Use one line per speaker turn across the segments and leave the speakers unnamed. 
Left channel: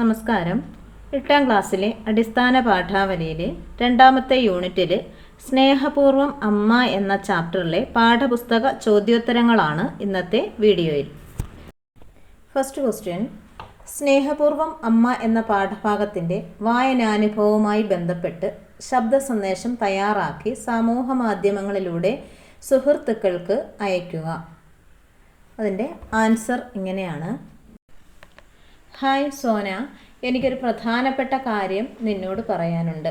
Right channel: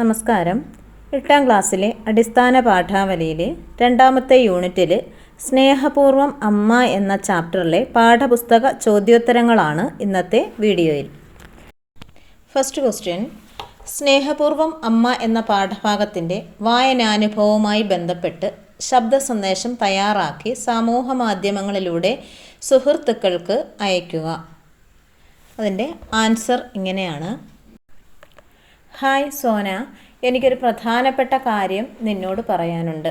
നമസ്കാരം. എട്ടാം ക്ലാസ്സിലെ അടിസ്ഥാന പാഠാവലിയിലെ രണ്ടാമത്തെ യൂണിറ്റിൽ സ്നേഹപൂർവം അമ്മ എന്ന ചാപ്റ്ററിലെ പാഠപുസ്തക ചോദ്യോത്തരങ്ങളാണ് ഇന്നത്തെ വീഡിയോയിൽ. ഫസ്റ്റ് ക്വസ്റ്റ്യൻ സ്നേഹപൂർവം അമ്മ എന്ന പാഠഭാഗത്തിന്റെ വായനാനുഭവവുമായി ബന്ധപ്പെട്ട് ശബ്ദ സന്ദേശം തയ്യാറാക്കി സമൂഹ മാധ്യമങ്ങളിലൂടെ സുഹൃത്തുക്കൾക്ക് അയയ്ക്കുക. അതിന്റെ ആൻസർ ഇങ്ങനെയാണ്. ഹായ് സോന എനിക്കൊരു പ്രധാനപ്പെട്ട കാര്യം നിന്നോട് പറയാനുണ്ട്.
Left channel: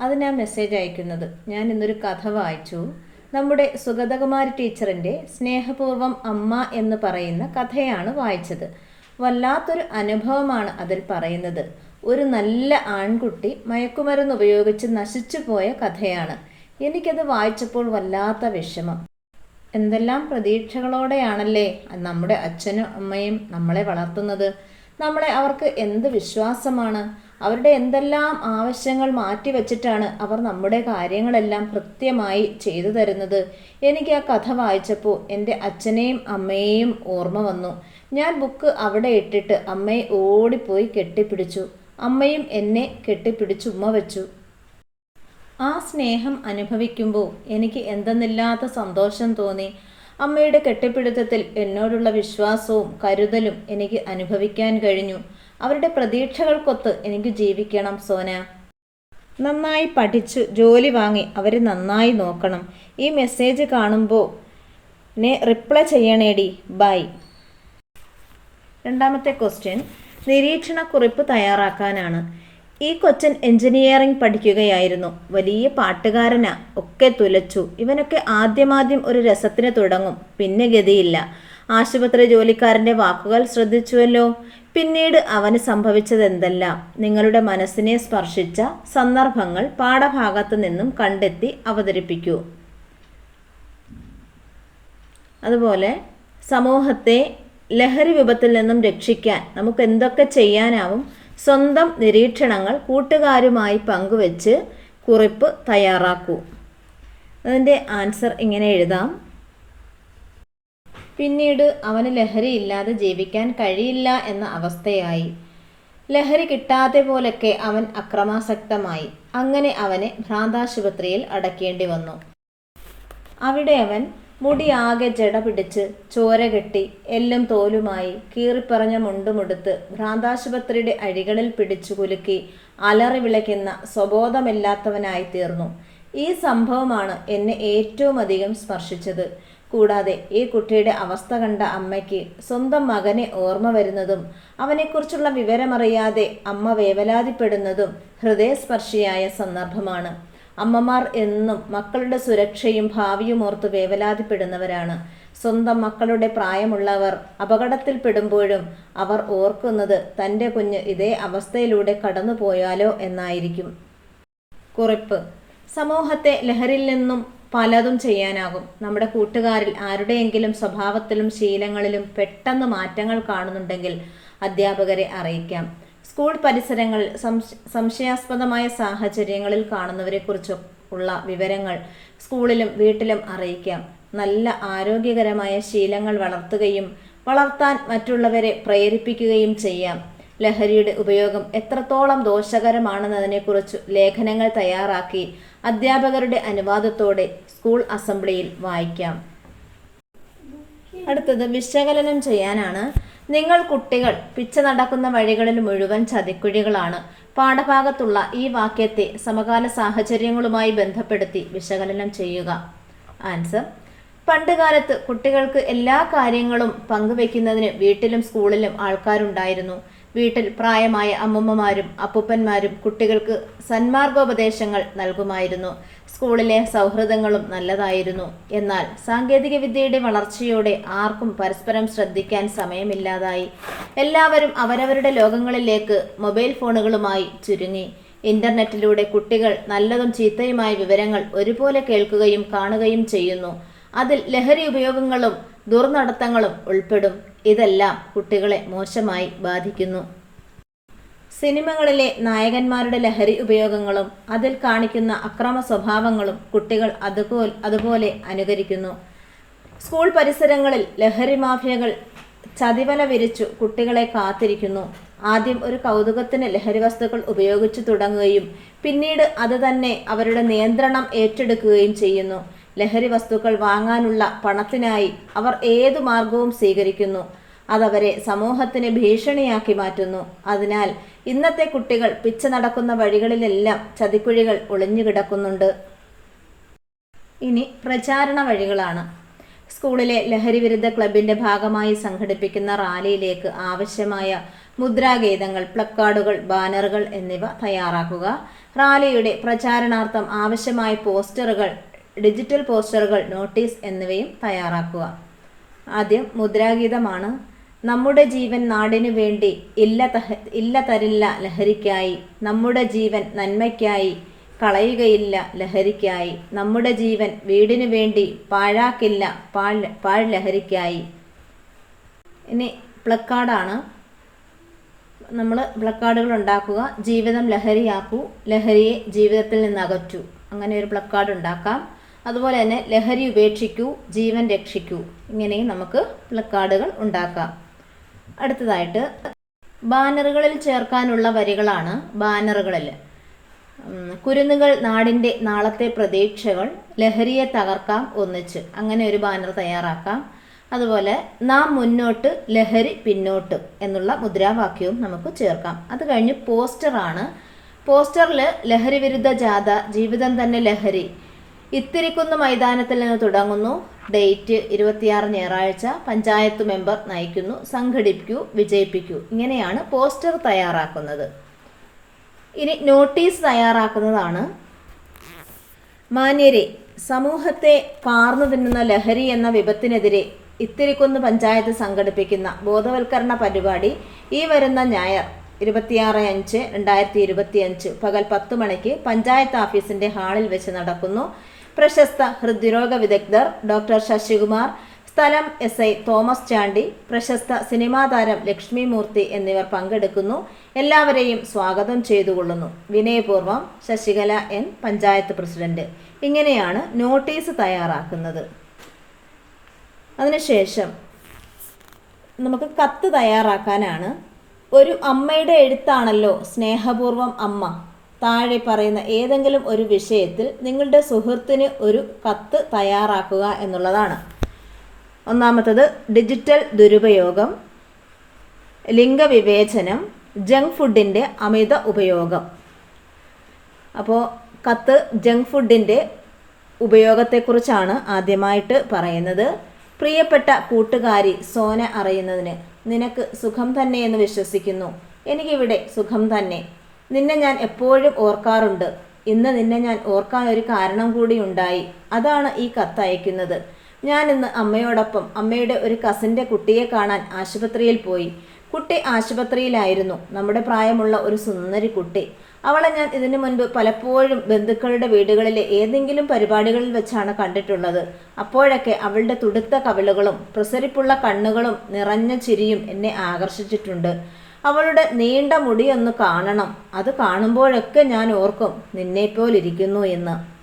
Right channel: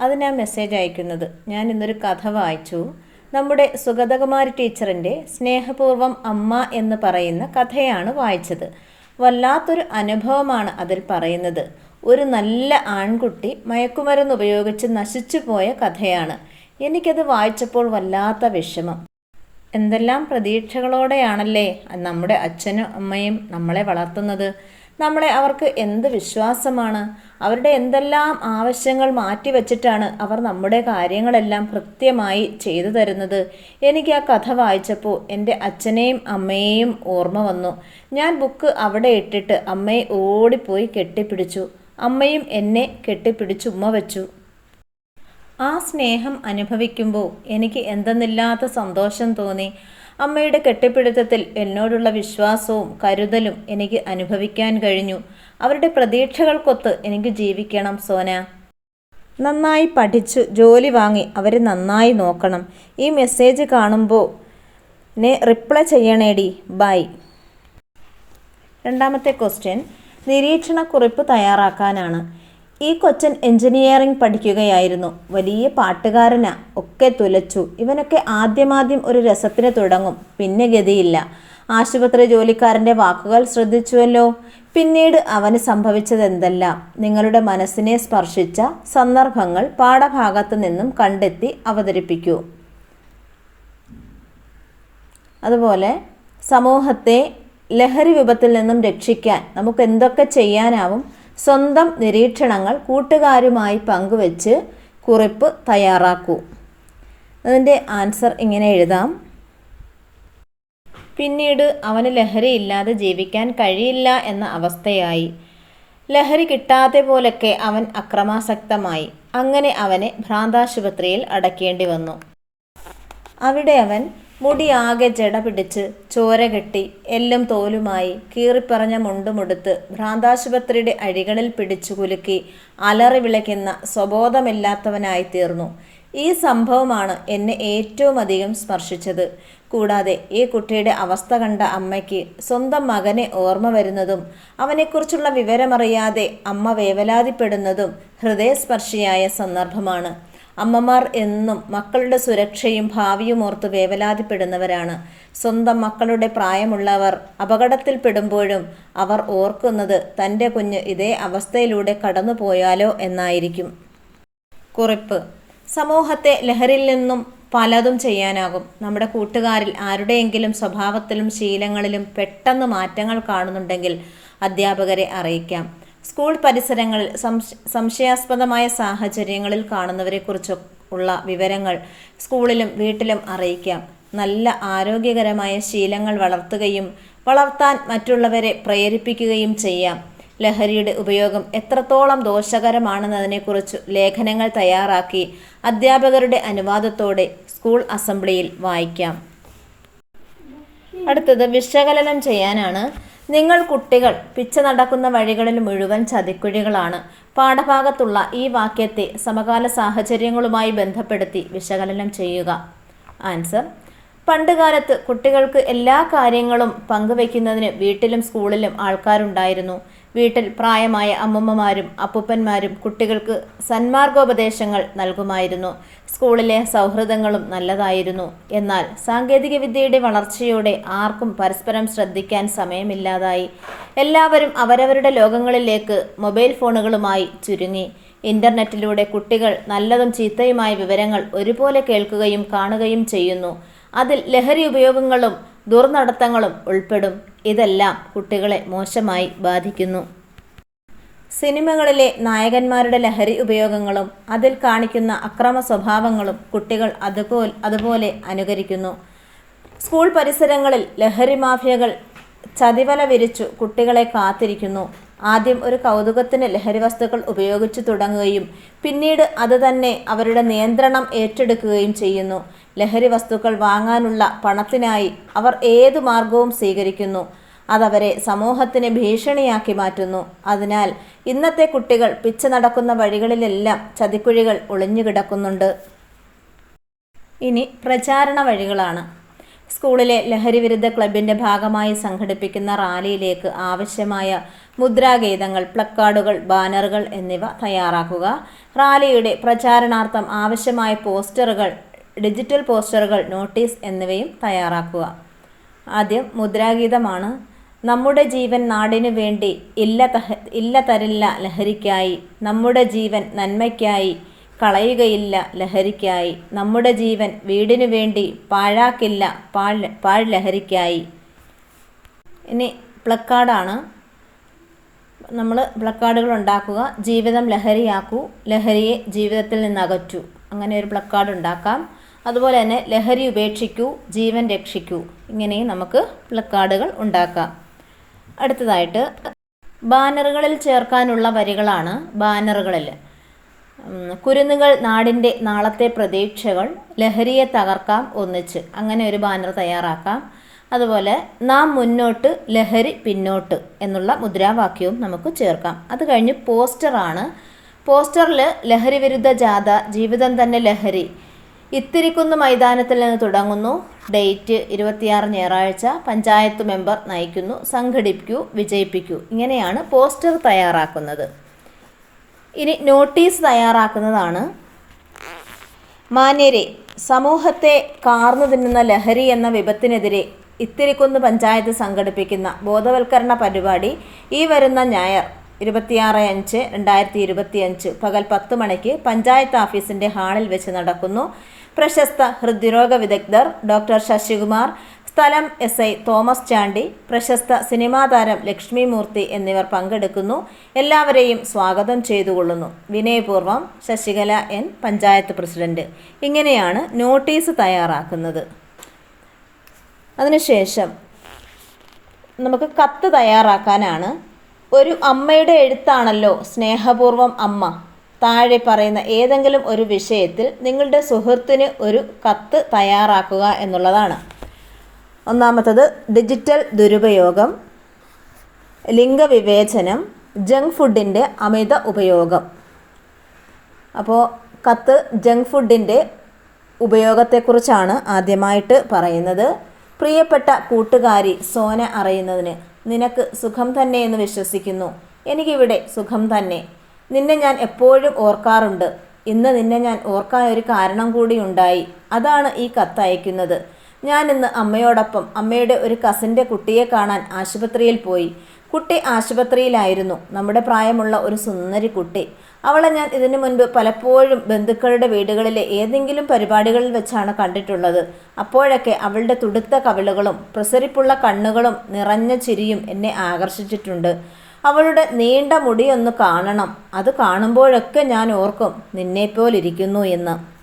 അത് ഞാൻ മെസ്സേജ് അയക്കുന്നത്. ഞാൻ ഇന്നൊരു കഥ വായിച്ചു. നമ്മുടെ സുഗതകുമാരി ടീച്ചറിന്റെ സ്നേഹപൂർവം അമ്മ എന്ന് പറയുന്ന കഥയാണ് വായിച്ചത്. വല്ലാത്തൊരു അനുഭവമാണ് അതിൽ പറയുന്നത്. ഒരു നല്ല ആൺകുട്ടി മയക്കുമരുന്ന് ഉപയോഗിച്ച് നശിച്ചു പോയ കഥയാണ്. എനിക്കത് വായിച്ചപ്പോൾ വല്ലാത്ത വിഷമം. എന്തെല്ലാം പ്രതീക്ഷകളോടെയാണല്ലേ നമ്മുടെ അച്ഛനും അമ്മയും നമ്മളെ വളർത്തുന്നത്? നമ്മളെ അവർക്ക് എന്ത് വിശ്വാസമാണ്? അവരുടെ എന്തെല്ലാം ആവശ്യങ്ങൾ മാറ്റിവെച്ചിട്ടാണ് അവർ നമ്മുടെ കാര്യങ്ങളെല്ലാം കൃത്യമായി ചെയ്തു തരുന്നത്? എനിക്ക് ആ കഥ വായിച്ചപ്പോൾ എന്റെ അച്ഛനെയും അമ്മയെയും ഓർമ്മ വന്നു. ഞാൻ ബുക്ക് അവിടെ ഇട്ടിട്ട് അമ്മയെ ഓടിപ്പോയി കെട്ടിപ്പിടിച്ചു. അമ്മയും എന്നെ കെട്ടിപ്പിടിച്ച് ഉമ്മ വെച്ചു. ആ സ്നേഹം അനുഭവിക്കുമ്പോൾ എനിക്ക് എന്തെന്നില്ലാത്ത സന്തോഷം തോന്നി. അമ്മയുടെ കെട്ടിപ്പിടുത്തത്തിൽ എന്നോടുള്ള വിശ്വാസവും കരുതലും എനിക്ക് അനുഭവിക്കാൻ കഴിഞ്ഞു. അവരുടെ പ്രതീക്ഷകൾക്കൊത്ത് എനിക്ക് ജീവിക്കണം സോന. നന്നായി പഠിച്ച് ജോലി വാങ്ങി അവരെ നന്നായി നോക്കണം. ഈ മെസ്സേജ് കാണുമ്പോൾ നെ റിപ്ലൈ ചെയ്യണേടി. ബൈ രണ്ടാമത്തെ ക്വസ്റ്റ്യൻ നിരീക്ഷണക്കുറിപ്പ് തയ്യാറാക്കാനാണ്. ഈ കൊച്ചൻ എഞ്ചിനീയറിംഗ് പഠിക്കുകയായിരുന്നു. വലിയ പാട്ടുകാരനാ. ഒക്കെ തുലച്ചു. ഇവനൊക്കെ ആദ്യമാദ്യം ഒരു രസത്തിന് തുടങ്ങും. പിന്നെ ഗതിയില്ല. ആശുപത്രി ജോലിക്കാരന്റെ വാക്കുകൾ ശ്രദ്ധിച്ചുവല്ലോ? പിന്നീട് അവന് സംഭവിച്ചതെന്തെല്ലാം? നിങ്ങളുടെ മനസ്സിനെ സ്പർശിച്ച സന്ദർഭങ്ങൾ പാഠഭാഗത്തു നിന്നും കണ്ടെത്തി അവതരിപ്പിക്കൂ. അതുപോലെ സമൂഹത്തെ ലഹരി വിപത്തിൽ നിന്നും രക്ഷിക്കാൻ നമുക്ക് എന്തൊക്കെ ചെയ്യാനാവും? സ്വന്തം നിരീക്ഷണങ്ങൾ കൂട്ടുകാരുമായി പങ്കുവച്ച് കുറിപ്പ് തയ്യാറാക്കൂ. അതിന്റെ ആൻസർ ഇങ്ങനെ എഴുതാം. പിന്നീട് അവന് ലഹരിയില്ലാതെ ജീവിക്കാൻ കഴിയില്ല എന്ന അവസ്ഥയായി. ലഹരി കിട്ടാതെ പോലൊക്കെ അവൻ അക്രമാസക്തമായി. അങ്ങനെ അവനെ ഭ്രാന്താശുപത്രിയിൽ അടക്കേണ്ടി വന്നു. അവിടെ അവൻ മുടിയാകെ ജട പിടിച്ച് ചോര കെട്ടി എല്ലും തോലുമായി കീറിപ്പറഞ്ഞ മുണ്ടുമുടുത്ത് ഭ്രാന്താശുപത്രിയുടെ അഴികളിൽ പിടിച്ചു കുലുക്കി അലറി വിളയ്ക്കുന്ന സ്വബോധമില്ലാത്തവനായി തീർന്നു. ഈ സംഭവമാണ് എന്നെ ഏറ്റവും അധികം സ്പർശിച്ചത്. കൂടാതെ ഈ കുട്ടിയുടെ അവസ്ഥ കണ്ട അമ്മയ്ക്ക് സ്വന്തം മകനെ ഓർമ്മ വരുന്നതും അവനെക്കുറിച്ചുള്ള വിവരമറിയാതെ അമ്മ വേവലാതിപ്പെടുന്നതും ഹൃദയസ്പർശിയായ സന്ദർഭമാണ്. അമ്മമാർ എന്നും മക്കളുടെ സുരക്ഷയും ഭാവിയും ഓർത്ത് വേവലാതിപ്പെടുന്നവരാണ്. സ്വന്തം മക്കളുടെ പ്രായമുള്ളവർ അപകടത്തിൽപ്പെടുമ്പോഴും അവർ ഓർക്കുന്നത് തന്റെ കുഞ്ഞ് ഇതേ അവസ്ഥയിലൂടെ കടന്നുപോയാലോ എന്നായിരിക്കും. കുറിപ്പ്. സമൂഹത്തെ ലഹരിൽ നിന്നും പലതും ചെയ്യാനാകും. നമ്മുടെ കൂട്ടുകാരിൽ ആരുടെയെങ്കിലും സ്വഭാവത്തിലും ശീലങ്ങളിലും പെട്ടെന്ന് മാറ്റങ്ങൾ കാണുന്നുണ്ടെങ്കിൽ അധ്യാപകരെ അറിയിക്കാം. സ്കൂൾ പരിസരങ്ങളിൽ സംശയാസ്പദമായ സാഹചര്യങ്ങളിൽ കാണുന്നവരെക്കുറിച്ച് ഉള്ള വിവരങ്ങൾ സ്കൂളിലും വീട്ടിലും അറിയിക്കാം. നല്ല ആരോഗ്യകരമായ ശീലങ്ങൾ വളർത്തുകയും വളർത്താൻ മറ്റുള്ളവരെ പ്രേരിപ്പിക്കുകയും ചെയ്യാം. ലഹരിയുടെ ഉപയോഗം എത്രത്തോളം ദോഷകരമാണെന്നതിനെക്കുറിച്ച് ലേഖനങ്ങൾ തയ്യാറാക്കി അധ്യാപകരുടെ അനുവാദത്തോടെ സ്കൂൾ അസംബ്ലിയിൽ വായിക്കാം. അടുത്തത് വിശകലനം ചെയ്യാനാണ് നിങ്ങൾ കുട്ടികൾ പിച്ച നടക്കുന്ന വഴികളിൽ മുഴുവൻ ചതിക്കുഴികളാണ്. പാഠഭാഗത്തുള്ള ഈ വാക്യത്തെ സമകാല സാഹചര്യങ്ങളുമായി ബന്ധപ്പെടുത്തി വിശകലനം ചെയ്യുക. ആൻസർ പണ്ടുകാലത്ത് കുട്ടികൾക്ക് എല്ലാ കാര്യങ്ങളും പങ്കുവയ്ക്കുന്നതിന് വീട്ടിലും സ്കൂളിലും ആൾക്കാരുണ്ടായിരുന്നു. വീട്ടിൽ പ്രായമായ അമ്മമ്മമാരും അപ്പൂപ്പന്മാരും കുട്ടികൾക്ക് സന്മാർഗോപദേശങ്ങൾ നൽകുമായിരുന്നു. സ്കൂളിലെ സൗഹൃദങ്ങളും നല്ലതായിരുന്നു. എന്നാൽ സാങ്കേതികവിദ്യയുടെ വളർച്ചയോടെ ആർക്കും പരസ്പരം ശ്രദ്ധിക്കാൻ സമയമില്ലാതായി. എല്ലാവരും അവരവരുടെ ലോകങ്ങളിലേക്ക് മൊബൈൽ ഫോണുകളുമായി ചുരുങ്ങി. ഇന്റർനെറ്റിലൂടെ കുട്ടികൾ നല്ലതും ചീത്തയുമായ വിവരങ്ങൾ ഒരുപോലെ കേൾക്കുകയും കാണുകയും ചെയ്യുന്നു. അതിൽ ലഹരി ഉപയോഗങ്ങളും ദുർനടത്തങ്ങളും ഉൾപ്പെടും. ഇതെല്ലാം കുട്ടികളെ മോശമായി ബാധിക്കുന്നു. സിനിമകളിലെ നായകന്മാരുടെ ലഹരി ഉപയോഗങ്ങളും അതിൽ കാണിക്കുന്ന അക്രമ സ്വഭാവങ്ങളും കുട്ടികൾ അതുപോലെ അതുപോലെ അനുകരിക്കുന്നു. സ്കൂൾ പരിസരങ്ങളിൽ ലഹരി മാഫിയകൾ ചതിവല വിരിച്ചു കുട്ടികളെ കാത്തിരിക്കുന്നു. ആദ്യം ഒരു കൗതുകത്തിന് ലഹരി വസ്തുക്കൾ ഉപയോഗിച്ചു തുടങ്ങുകയും പിന്നീട് അത് തന്നെ അവരുടെ നിയന്ത്രണം ഏറ്റെടുക്കുകയും ചെയ്യുന്നു. ലഹരി വസ്തുക്കൾ വാങ്ങാനുള്ള പണത്തിനായി അവർ ഏതു മാർഗവും സ്വീകരിക്കുന്നു. അതവരെ സമൂഹത്തിന് ഭീഷണിയാക്കി മാറ്റുന്നു. അതിനാൽ ഇന്നത്തെ കുട്ടികൾ പിച്ച നടക്കുന്ന വഴികളിലെല്ലാം ചതിക്കുഴികൾ ഒളിഞ്ഞുകിടക്കുന്നുണ്ട് ഇനി പ്രചാരണ വഴികളാണ്. സ്കൂളിലെ ലഹരി വിരുദ്ധ ക്ലബിന്റെ ഭാഗമായി സംഘടിപ്പിക്കുന്ന റാലിയിലേക്ക് ആവശ്യമായ മുദ്രാഗീതങ്ങൾ പ്ലക്കാർഡുകൾ ബാനറുകൾ എന്നിവ തയ്യാറാക്കുക. റാലിയുടെ പ്രചാരണാർത്ഥം ആവശ്യമായ പോസ്റ്ററുകൾ ഡിജിറ്റൽ പോസ്റ്ററുകൾ നോട്ടീസ് എന്നിവയും തയ്യാറാക്കുക. ആദ്യം മുദ്രാഗീതമാണ്. നമ്മുടെ ജീവൻ നാടിനു വേണ്ടി ഇല്ല തഹ ഇല്ല തരില്ല ലഹരിക്കായി. നമ്മുടെ ജീവൻ നന്മയ്ക്കായി കളയുകയില്ല ലഹരിക്കായി. നമ്മുടെ ജീവൻ വീടിനു വേണ്ടി പാഴാക്കില്ല പാഴ് പാഴ് ലഹരിക്കായി. ഇനി പ്ലക്കാർഡാണ്. നമ്മൾ പ്ലക്കാർഡുകൾ ഉണ്ടാക്കുക. ജീവിതം ലഹരിയാക്കൂ. ലഹരിയെ ജീവിതത്തിൽ നിന്ന് അകറ്റൂ അങ്ങനെ ഒരു പ്ലക്കാർഡ് ഉണ്ടാക്കാം. അതുപോലെ തന്നെ ലഹരി ഉപേക്ഷിക്കൂ ജീവൻ രക്ഷിക്കൂ. ഇങ്ങനെയും നമുക്ക് പ്ലക്കാർഡുകൾ ഉണ്ടാക്കാം. അടുത്തതായിട്ട് ബാനറുകളിൽ ചേർക്കാനുള്ള വരികളാണ് ബാനറുകളിൽ. കുരുന്നുകൾ നാടിന്റെ നാളത്തെ പ്രതീക്ഷകൾ ലഹരിയെ തകർക്കാം ഒന്നിച്ച്. അങ്ങനെ ഒരു ബാനർ തയ്യാറാക്കാം. അതുപോലെ നാം മുന്നോട്ട് ലഹരി പിന്നോട്ട് എന്നുള്ള മുദ്രാവാക്യവും നമുക്ക് ചേർക്കാം. അത് കഴിഞ്ഞ് പോസ്റ്ററാണ്. പോസ്റ്ററിൽ ലഹരി വിരുദ്ധ ജാഥ ജീവിതം തന്നെ ലഹരി ഇത്തിരിക്കുന്ന് മൈതാനത്തിൽ നിന്ന് തുടങ്ങുന്നു. ഡേറ്റ് ഇരുപത്തിയാറ് ഞായറാഴ്ച പഞ്ചായത്ത് മെമ്പർ നയിക്കുന്നു. സംഘടിപ്പിക്കൂ വിജയിപ്പിക്കൂ. ഇങ്ങനെയാണ് പോസ്റ്റർ തയ്യാറാക്കുന്നത്. ഇനി നോട്ടീസ് തയ്യാറാക്കുന്നതാണ്. മാന്യരെ സമൂഹത്തെ കാർന്നു തിന്നുന്ന ലഹരി എന്ന വിപത്തിനെതിരെ ഇത്തിരിക്കുന്ന് പഞ്ചായത്ത് സംഘടിപ്പിക്കുന്ന ബോധവൽക്കരണ പരിപാടി ഈ വരുന്ന ഞായർ ഇരുപത്തിയാറ് അഞ്ച് രണ്ടായിരത്തി ഇരുപത്തിയഞ്ച് പകൽ പത്ത് മണിക്ക് പഞ്ചായത്ത് ഓഫീസിന്റെ ഹാളിൽ വെച്ച് നടക്കുന്നു. പ്രശസ്ത ഹൃദ്രോഗ വിദഗ്ധർ ഡോക്ടർ ശശികുമാർ സ്ഥലം എസ് ഐ തോമസ് ചാണ്ടി പ്രശസ്ത സിനിമാ താരം ലക്ഷ്മി മൂർത്തി എന്നിവർ പങ്കെടുക്കുന്നു. എല്ലാവരെയും സ്വാഗതം ചെയ്തുകൊള്ളുന്നു. വിനയപൂർവം ശശികല എൻ പഞ്ചായത്ത് പ്രസിഡന്റ്. ഇങ്ങനെയാണ് നോട്ടീസ് തയ്യാറാക്കുന്നത്. അതിനുശേഷം നമുക്ക് കത്ത് തയ്യാറാക്കാനാണ്. ഒരു അമ്മയുടെ എഴുത്താണല്ലോ സ്നേഹപൂർവം അമ്മ. താഴെ പറയുന്ന ഏതെങ്കിലും ഒരു വിഷയത്തിൽ നിങ്ങളുടെ സുഹൃത്തിന് ഒരു കത്ത് തയ്യാറാക്കുക എന്നുള്ളതാണ്. ഒന്നാമത്തത് ഡിജിറ്റൽ ദുരുപയോഗം ലിംഗവിവേചനം ജങ്ക് ഫുഡിന്റെ അമിത ഉപയോഗം. അപ്പോൾ കത്ത് ജങ്ക് ഫുഡിന്റെ ഉപയോഗത്തെക്കുറിച്ചാണ് ആദ്യമായിട്ട് പറയുന്നത്. പ്രിയപ്പെട്ട കൂട്ടുകാരി സോന അറിയുന്നതിന് നിനക്ക് സുഖം തന്നെ എന്ന് വിശ്വസിക്കുന്നു. എനിക്കിവിടെ സുഖം തന്നെ. നിന്നെ ഞാൻ എപ്പോഴും ഓർക്കാറുണ്ട്. ഇന്ന് നിന്നെ ഞാൻ ഓർക്കാൻ ഒരു കാരണം കൂടി ഉണ്ടായി. അതാണ് ഈ കത്ത് അയക്കുന്നത്. ഞാൻ ഇന്ന് അമ്മയോടൊപ്പം അമ്മയുടെ ഒരു കസിന്റെ കുട്ടിയെ കാണാൻ ആശുപത്രിയിൽ പോയി. കുട്ടി ആശുപത്രിയിലായിരുന്നു. നമ്മുടെ പ്രായമുള്ള ഒരു സുന്ദരി കുട്ടി. അവളെ ഞാൻ ഇതിനു മുൻപ് പലപ്പോഴും ബന്ധുക്കളുടെ വീടുകളിലെ ഏതെങ്കിലും പരിപാടികളിൽ വെച്ചാണ് കണ്ടിട്ടുള്ളത്. അപ്പോഴൊക്കെ അവളുടെ തുടുത്ത കവിളുകളും പ്രസരിപ്പുള്ള കണ്ണുകളും നിറഞ്ഞ ചിരിയും എന്നെ ആകർഷിച്ചിട്ടുണ്ട്. അവളുടെ നീണ്ട മുടിയൊന്ന് കാണണം. അത് കാണുമ്പോഴൊക്കെ ഞാൻ ഓർക്കും നിന്നെപ്പോലിരിക്കുന്നു എന്ന്.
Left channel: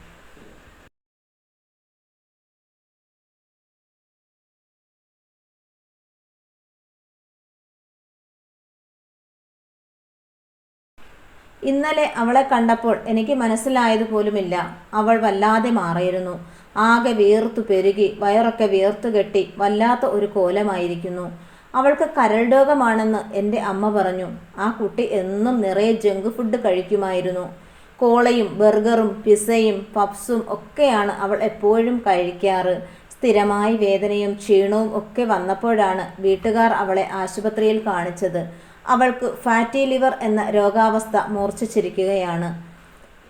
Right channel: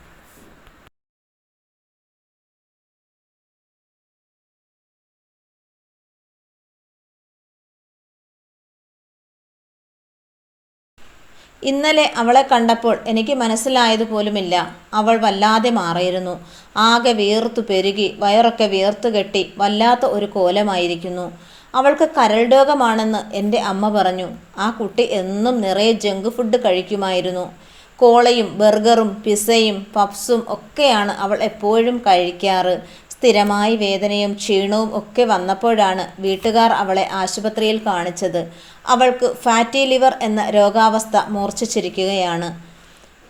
ഇന്നലെ അവളെ കണ്ടപ്പോൾ എനിക്ക് മനസ്സിലായത് പോലുമില്ല. അവൾ വല്ലാതെ മാറിയിരുന്നു. ആകെ വീർത്തു പെരുകി വയറൊക്കെ വീർത്തു കെട്ടി വല്ലാത്ത ഒരു കോലമായിരിക്കുന്നു. അവൾക്ക് കരൾ രോഗമാണെന്ന് എന്റെ അമ്മ പറഞ്ഞു. ആ കുട്ടി എന്നും നിറയെ ജങ്ക് ഫുഡ് കഴിക്കുമായിരുന്നു. കോളയും ബർഗറും പിസയും പപ്സും ഒക്കെയാണ് അവൾ എപ്പോഴും കഴിക്കാറ്. സ്ഥിരമായി വേദനയും ക്ഷീണവും ഒക്കെ വന്നപ്പോഴാണ് വീട്ടുകാർ അവളെ ആശുപത്രിയിൽ കാണിച്ചത്. അവൾക്ക് ഫാറ്റി ലിവർ എന്ന രോഗാവസ്ഥ മൂർച്ഛിച്ചിരിക്കുകയാണ്.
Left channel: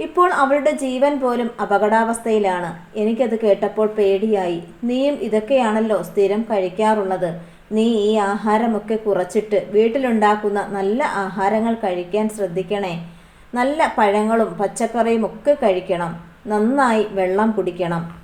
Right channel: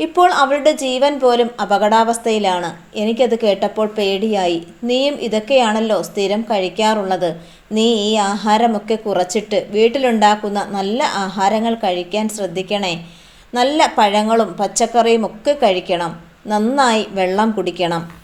ഇപ്പോൾ അവളുടെ ജീവൻ പോലും അപകടാവസ്ഥയിലാണ്. എനിക്കത് കേട്ടപ്പോൾ പേടിയായി. നീയും ഇതൊക്കെയാണല്ലോ സ്ഥിരം കഴിക്കാറുള്ളത്. നീ ഈ ആഹാരമൊക്കെ കുറച്ചിട്ട് വീട്ടിലുണ്ടാക്കുന്ന നല്ല ആഹാരങ്ങൾ കഴിക്കാൻ ശ്രദ്ധിക്കണേ. നല്ല പഴങ്ങളും പച്ചക്കറിയും ഒക്കെ കഴിക്കണം. നന്നായി വെള്ളം കുടിക്കണം.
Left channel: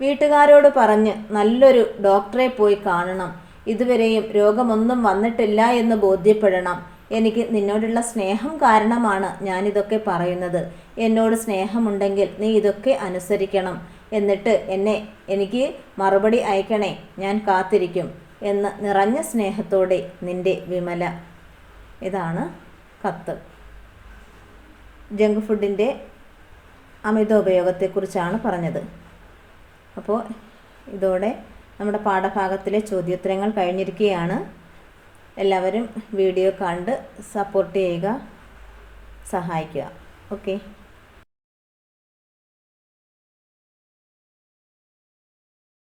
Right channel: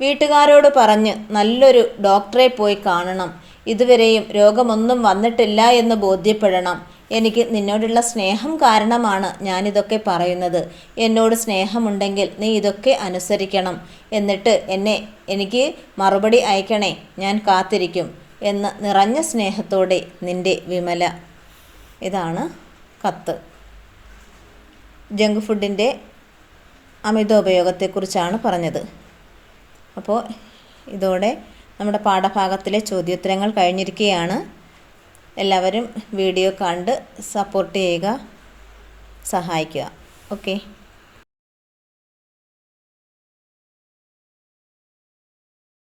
വീട്ടുകാരോട് പറഞ്ഞ് നല്ലൊരു ഡോക്ടറെ പോയി കാണണം. ഇതുവരെയും രോഗമൊന്നും വന്നിട്ടില്ല എന്ന് ബോധ്യപ്പെടണം. എനിക്ക് നിന്നോടുള്ള സ്നേഹം കാരണമാണ് ഞാനിതൊക്കെ പറയുന്നത്. എന്നോട് സ്നേഹമുണ്ടെങ്കിൽ നീ ഇതൊക്കെ അനുസരിക്കണം. എന്നിട്ട് എന്നെ എനിക്ക് മറുപടി അയക്കണേ ഞാൻ കാത്തിരിക്കും എന്ന് നിറഞ്ഞ സ്നേഹത്തോടെ നിന്റെ വിമല. ഇതാണ് കത്ത്. ജങ്ക് ഫുഡിന്റെ അമിതോപയോഗത്തെക്കുറിച്ചാണ് പറഞ്ഞത്. അപ്പോൾ ഇതോടെ നമ്മുടെ പാഠഭാഗത്തിലെ ചോദ്യോത്തരങ്ങൾ കഴിഞ്ഞിരിക്കുകയാണ്. എല്ലാവരും വീഡിയോ കണ്ട് സപ്പോർട്ട് ചെയ്യുക സഹായിക്കുക. ഓക്കെ.